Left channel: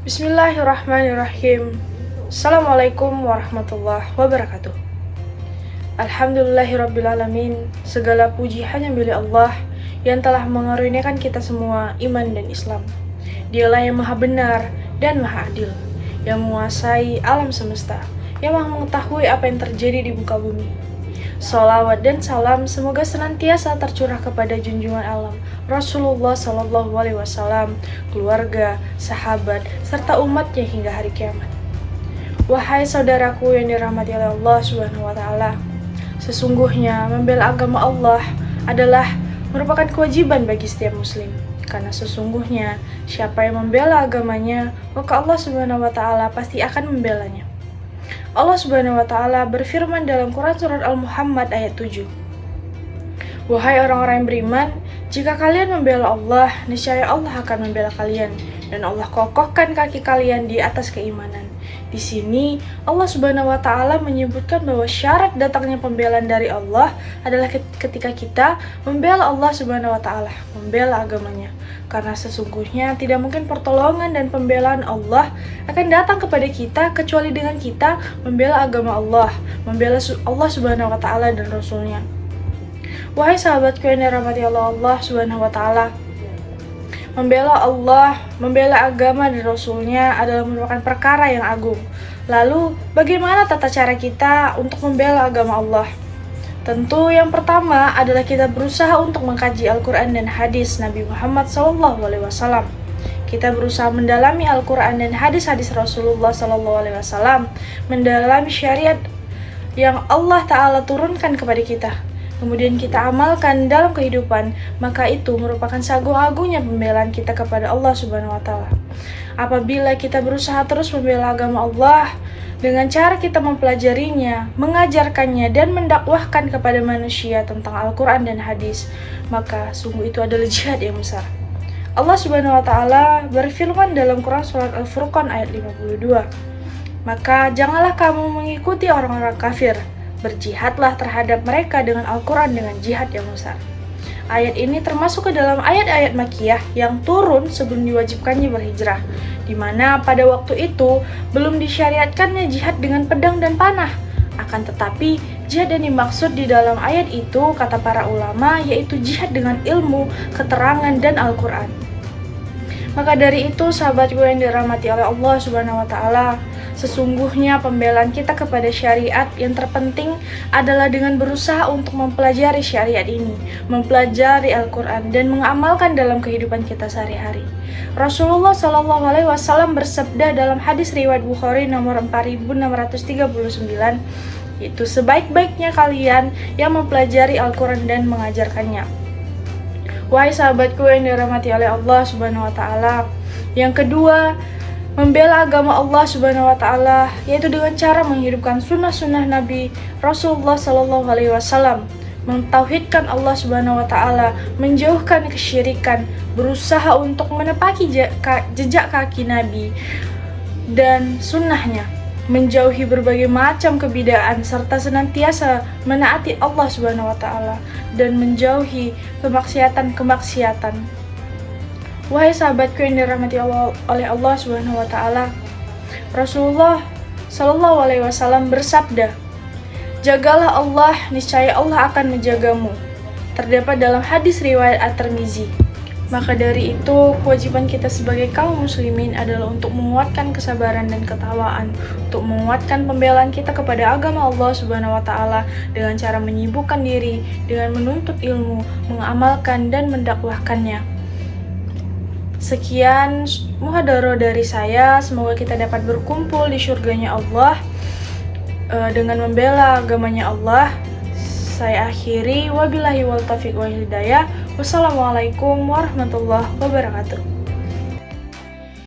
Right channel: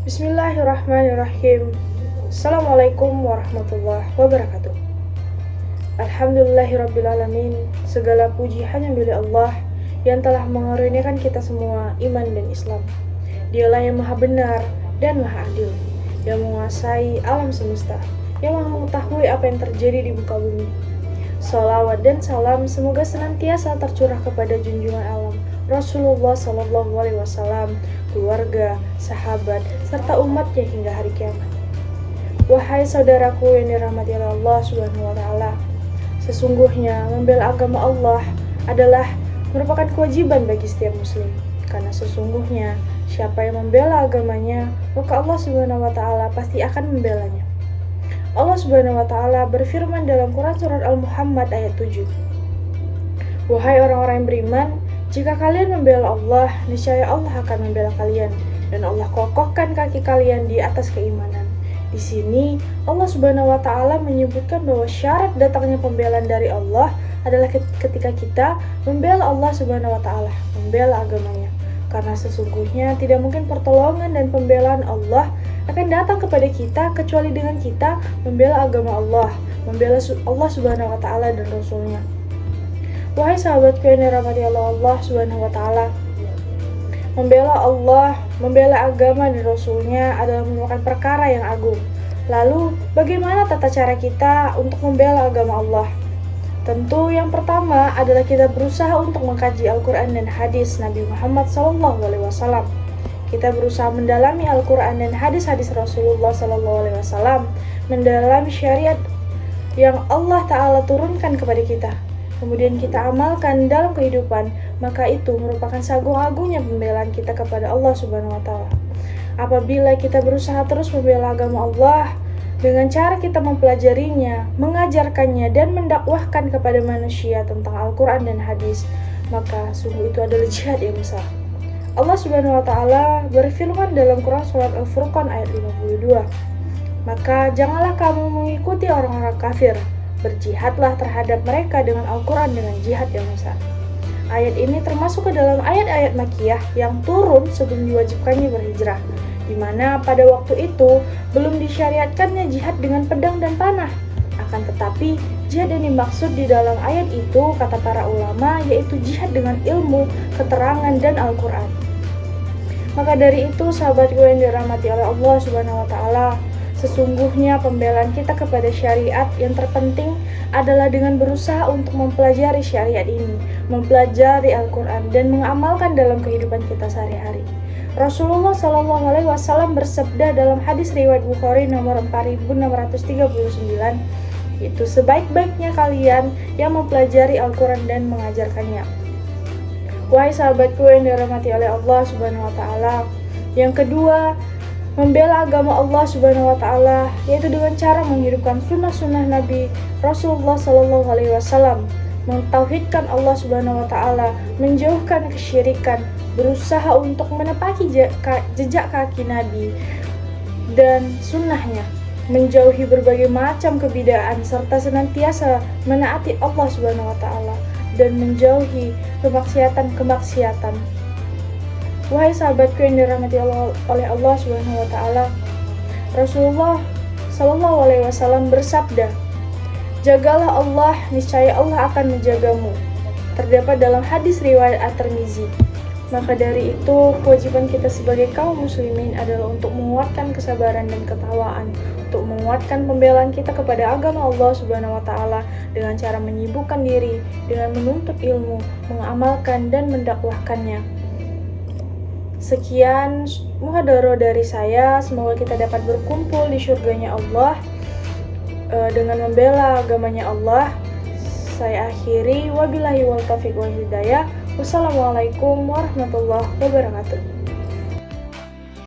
Bismillahirrahmanirrahim. Assalamualaikum warahmatullahi wabarakatuh. Alhamdulillahirrabbilalamin. Segala puji hanya milik Allah yang telah mengaruniakan kita semua iman dan Islam. Dialah yang maha benar dan maha adil, yang menguasai alam semesta, yang maha mengetahui apa yang terjadi di muka bumi. Salawat dan salam semoga senantiasa tercurah kepada junjungan alam Rasulullah Sallallahu Alaihi Wasallam, keluarga, sahabat, serta umatnya hingga hari kiamat. Wahai saudaraku yang dirahmati oleh Allah Subhanahu Wa Taala, sesungguhnya membela agama Allah adalah merupakan kewajiban bagi setiap muslim. Karena sesungguhnya siapa yang membela agamanya, maka Allah Subhanahu Wa Taala pasti akan membelanya. Allah Subhanahu wa Ta'ala berfirman dalam Quran Surat Al-Muhammad ayat 7. Wahai orang-orang yang beriman, jika kalian membela Allah, niscaya Allah akan membela kalian, dan Allah kokohkan kaki kalian di atas keimanan. Di sini Allah Subhanahu wa Ta'ala menyebutkan bahwa syarat datangnya pembelaan dari Allah adalah ketika kita membela Allah Subhanahu wa Ta'ala, membela agamanya. Karena sesungguhnya tidak mungkin pertolongan dan pembelaan Allah akan datang kepada kita kecuali dengan kita membela agama Allah, membela Allah Subhanahu wa Ta'ala dan Rasulnya. Wahai sahabatku yang dirahmati Allah Subhanahu wa Ta'ala, membela Allah, membela agama dan Rasulnya adalah merupakan perkara yang agung. Lalu, bagaimana tata cara kita untuk membela agama Allah? Tentu yang pertama adalah kita berusaha untuk mengkaji Al-Quran dan hadis Nabi Muhammad SAW. Kita berusaha mendalami Al-Quran dan hadis-hadis Rasulullah SAW, mendalami syariat yang Allah Ta'ala turunkan kepada kita. Kemudian kita amalkan dalam kehidupan, maka itu merupakan seagung-agungnya pembelaan kita kepada Allah Subhanahu wa Ta'ala. Apabila kita berusaha terus membela agama Allah dengan cara kita mempelajarinya, mengajarkannya, dan mendakwahkan kepada manusia tentang Al-Quran dan hadis, maka sungguh itu adalah jihad yang besar. Allah Subhanahu wa Ta'ala berfirman dalam Quran Surat Al-Furqan ayat 52. Maka janganlah kamu mengikuti orang-orang kafir, berjihadlah terhadap mereka dengan Al-Quran dengan jihad yang besar. Ayat ini termasuk ke dalam ayat-ayat Makkiyah yang turun sebelum diwajibkannya berhijrah, di mana pada waktu itu belum disyariatkannya jihad dengan pedang dan panah. Akan tetapi, jihad yang dimaksud di dalam ayat itu, kata para ulama, yaitu jihad dengan ilmu, keterangan, dan Al-Quran. Maka dari itu, sahabatku yang dirahmati oleh Allah Subhanahu wa Ta'ala, sesungguhnya pembelaan kita kepada syariat yang terpenting adalah dengan berusaha untuk mempelajari syariat ini, mempelajari Al-Quran, dan mengamalkan dalam kehidupan kita sehari-hari. Rasulullah SAW bersabda dalam hadis riwayat Bukhari nomor 4639, yaitu sebaik-baiknya kalian yang mempelajari Al-Quran dan mengajarkannya. Wahai sahabatku yang dirahmati oleh Allah Subhanahu wa Ta'ala, yang kedua, membela agama Allah Subhanahu wa Ta'ala yaitu dengan cara menghidupkan sunnah-sunnah Nabi Rasulullah Sallallahu Alaihi Wasallam, mentauhidkan Allah Subhanahu wa Ta'ala, menjauhkan kesyirikan, berusaha untuk menepaki jejak kaki Nabi dan sunnahnya, menjauhi berbagai macam kebidaan serta senantiasa menaati Allah Subhanahu wa Ta'ala dan menjauhi kemaksiatan. Wahai sahabatku yang dirahmati oleh Allah Subhanahu wa Ta'ala, Rasulullah Sallallahu Alaihi Wasallam bersabda, jagalah Allah, niscaya Allah akan menjagamu. Terdapat dalam hadis riwayat At-Tirmizi. Maka dari itu, kewajiban kita sebagai kaum muslimin adalah untuk menguatkan kesabaran dan ketawaan, untuk menguatkan pembelaan kita kepada agama Allah Subhanahu wa Ta'ala dengan cara menyibukkan diri dengan menuntut ilmu, mengamalkan dan mendakwahkannya. Sekian muhadharah dari saya, semoga kita dapat berkumpul di surganya Allah dengan membela agamanya Allah. Saya akhiri, wabillahi wal taufiq wal hidayah. Wassalamualaikum warahmatullahi wabarakatuh.